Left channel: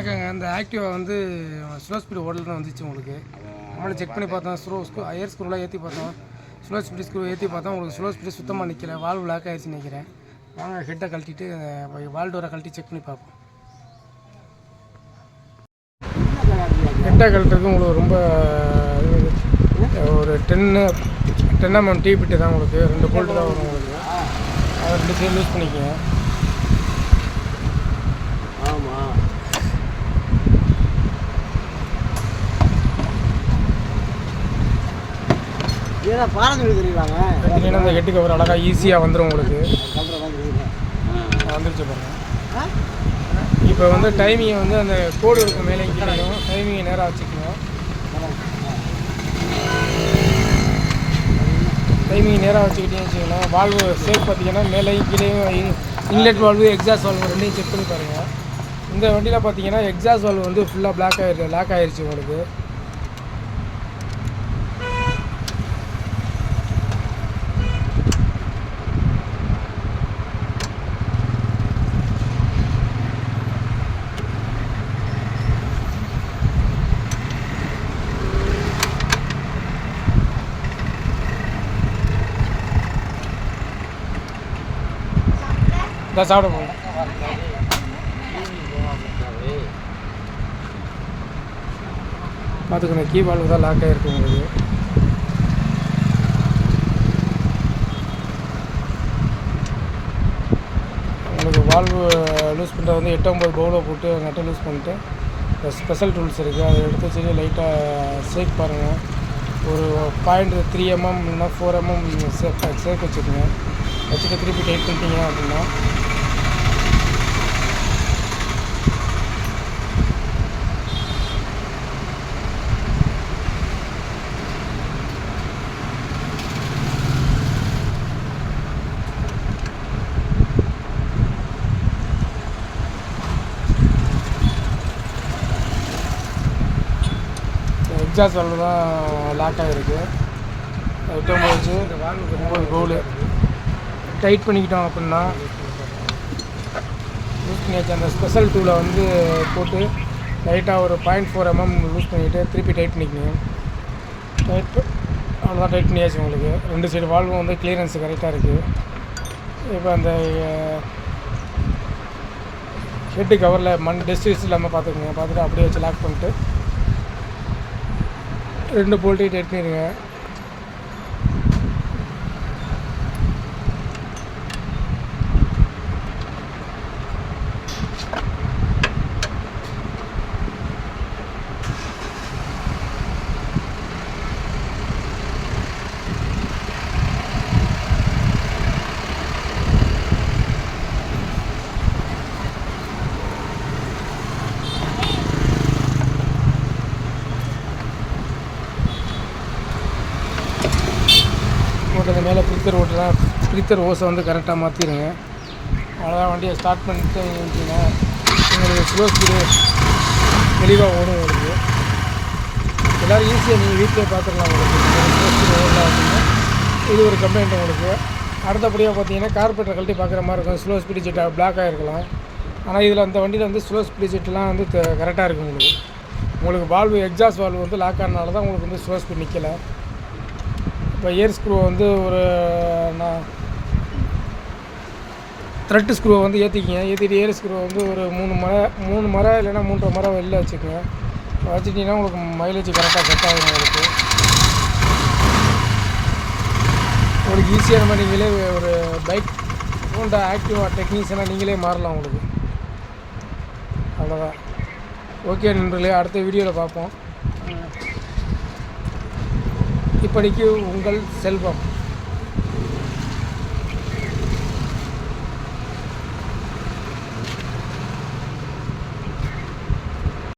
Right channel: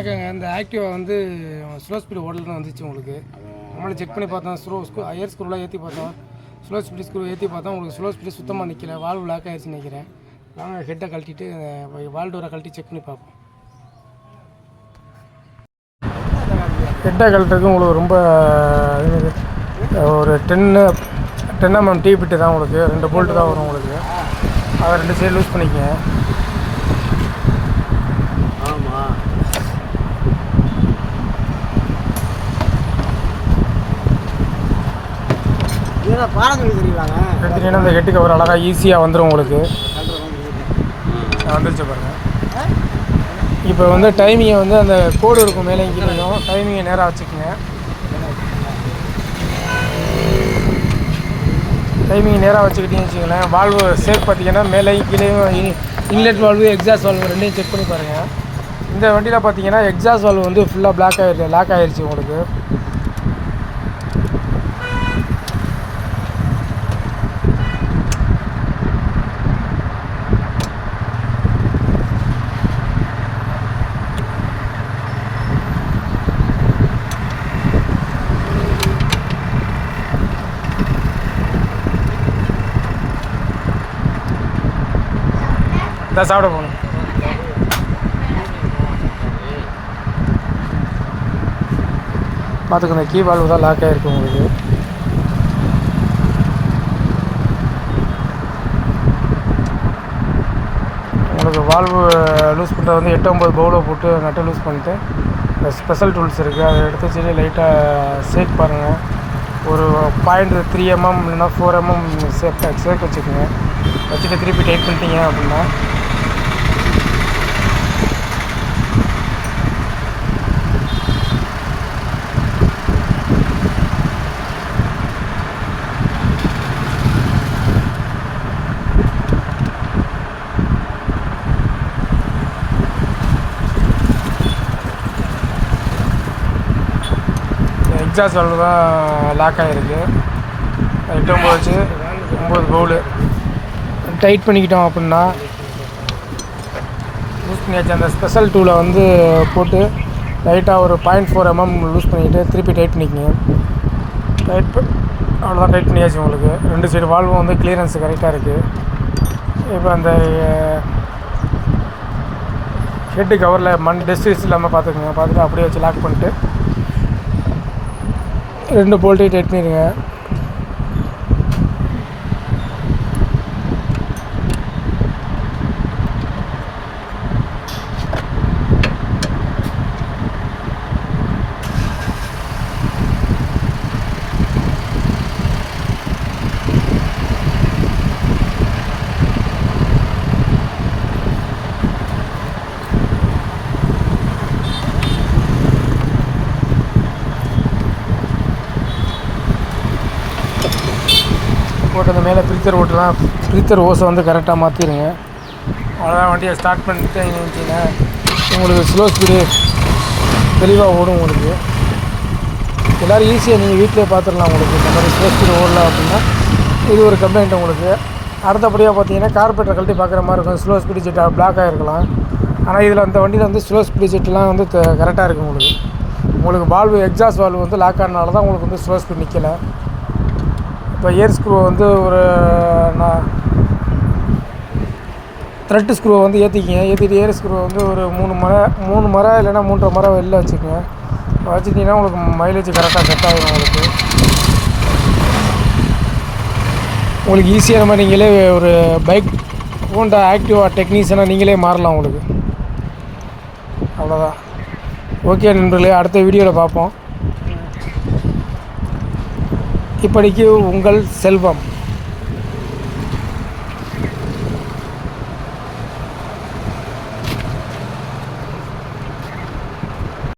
வணக்கங்க. இந்த ஆக்டிவா வந்து ஸ்லோ ஸ்பீடு ஓடலன்னு வந்துச்சு உங்களுக்கு. நம்மளே செக் பண்ணி பார்த்தோம். ஏர் ஸ்க்ரூலாம் ஏற்றி பார்த்தோம். ஸ்லோ ஸ்பீடு ஸ்க்ரூ ஏற்றி பார்த்தோம். உங்களுக்கு ஸ்லோ ஸ்பீடு சுத்தமாக நிற்கல. வால்வு லாக் ஆகிடுச்சுன்னு நினைக்கிறேன். வாங்க ஹெட்டை கழட்டிட்டு வால் டோரை கழட்டி செக் பண்ணி பார்ப்போம். ஹெட்டை கழட்டுறதுக்கு உங்களுக்கு ரொம்ப ஒரு 10 mm டீ பிட்டு தான் உங்களுக்கு. 2 போல்ட்டு தான் வரும் உங்களுக்கு. அதை 2 சைடு லூஸ் பண்ணிக்கங்க. ஆமாம், இதெல்லாம் பாரம்பரிய தெரியலாங்க. எடுத்துட்டீங்கன்னா அந்த ஹெட்டு கவர் அழகாக ஈஸியாக வந்துடும் உங்களுக்கு. வந்துருச்சு பாருங்கள். இப்போ வந்து டைமிங்கை வந்து அந்த கோடு இருக்கும் மேலே கீழேயும் டைமிங்கை நேராக வச்சுக்கோங்க. டைமிங்கை நேராக வச்சுக்கிட்டீங்கன்னு வச்சுக்கோங்களேன். வால்வு சேஃப் பார்த்தீங்கன்னா மேலேயும் கீழேயும் இன்லெட் வால்வு எக்ஸாஸ்ட் வால்வு ரெண்டையும் செக் பண்ணி பாருங்கள். இந்த வண்டியில் பார்த்தீங்கன்னா எக்ஸாஸ்ட் வால்வு வந்து ஃபுல்லாக லாக் ஆகிடுச்சு உங்களுக்கு. இதான் சாப்பிட போகணும். பார்த்துக்கணும், கீ வால்வு தான் லாக் ஆகிருக்கு உங்களுக்கு. உங்களுக்கு வால்வு லூஸ் பண்ணுறது வந்து 8-9 பவுலை போட்டு நட்டை லூஸ் பண்ணிட்டு இந்த ஸ்பெஷல் டூல்ஸ் இருக்குது, அதை எடுத்து வச்சு லைட்டாக சேக் பாருங்கள். ஒரு 0.3 mm இல்லைன்னா 4 mm சேக் வச்சுக்கோங்க. வச்சுட்டு திருப்பி டைட் பண்ணிட்டீங்க அப்படின்னா எக்ஸாஸ்ட் வால்வு தான் லாக் ஆகிருக்கு. 8-9 பவுலு டைட் பண்ணிக்கிட்டோம் அப்படின்னா லூஸ் பண்ணியாச்சு. அந்த ஸ்பெஷல் டூலை வந்து போட்டு லைட்டாக ஒரு 0.4 mm லூஸ் பண்ணிக்கிட்டு திருப்பி டைட் பண்ணிக்கோங்க. அவ்வளோதான், டைட் பண்ணியாச்சு உங்களுக்கு. 2 சைடு வால்வும் வந்து கிளியரன்ஸ் கரெக்டாக இருக்குது. இப்போ அந்த ஹெட்டு கவரில் டஸ்ட் இல்லாமல் பார்த்துக்கோங்க. பார்த்துட்டு அப்படியே வச்சு லாக் பண்ணிட்டு 2 போல்ட்டையும் டைட் பண்ணிடுங்க. போட்டது மேலே ஃபில்டர் ஓஸை வந்து கரெக்டாக மாற்றிடுங்க. அவ்வளோதான், வண்டியை ஸ்டார்ட் பண்ணிட்டு இருந்துச்சிங்கன்னா உங்களுக்கு ஸ்லோ ஸ்பீடு தெளிவாக ஓடும். உங்களுக்கு எல்லோரும் ஈஸியாக நீங்கள் வீட்டிலே பார்த்துடலாம். உங்களுக்கு இந்த மாதிரி ஸ்லோ ஸ்பீடு ஓடலாம் அப்படின்னா இது ஒரு கம்ப்ளைண்ட் உங்களுக்கு. அடுத்தபடியாக பார்த்தீங்கன்னா கார்பரேட்டர் கழட்டி பார்க்குற மாதிரி இருக்கும். ஸ்லோ ஸ்பீடு ஜெட் பிளாக் ஆகிருக்கலாம். ஆனால் இதில் அந்த வண்டியில் வந்து ஸ்லோ ஸ்பீடு ஜெட்லாம் வந்து கரெக்டாக இருக்குது உங்களுக்கு வால்வு எக்ஸாஸ்ட் வால்வு வந்து லாக் ஆனனால தான் உங்களுக்கு வந்து ஸ்லோ ஸ்பீட் நிற்கலை. இப்போ ஏர் ஸ்க்ரூவை வந்து ஒரு த்ரெட்டு ஸ்க்ரூவை வந்து ஏற்றிட்டு ஏர் ஸ்க்ரூவை வந்து ஒரு 3 முறை இல்லைன்னா 3.5 முறை வெளில வச்சுக்கோங்க. வச்சுட்டிங்கன்னா உங்களுக்கு மைலேஜ் கரெக்டாக செட் ஆகிடும். உங்களுக்கு ஈஸியாக மாதிரி நீங்களே ஒரு பைக் ஹோண்டா ஆக்டிவா டெக்னீஷியனாக நீங்களே மாறலாம் உங்களுக்கு. அவ்வளோதான். ஓகே நண்பர்களே, அடுத்த வீடியோவில் பார்ப்போம். இப்படிக்கு உங்கள் செல்வம்.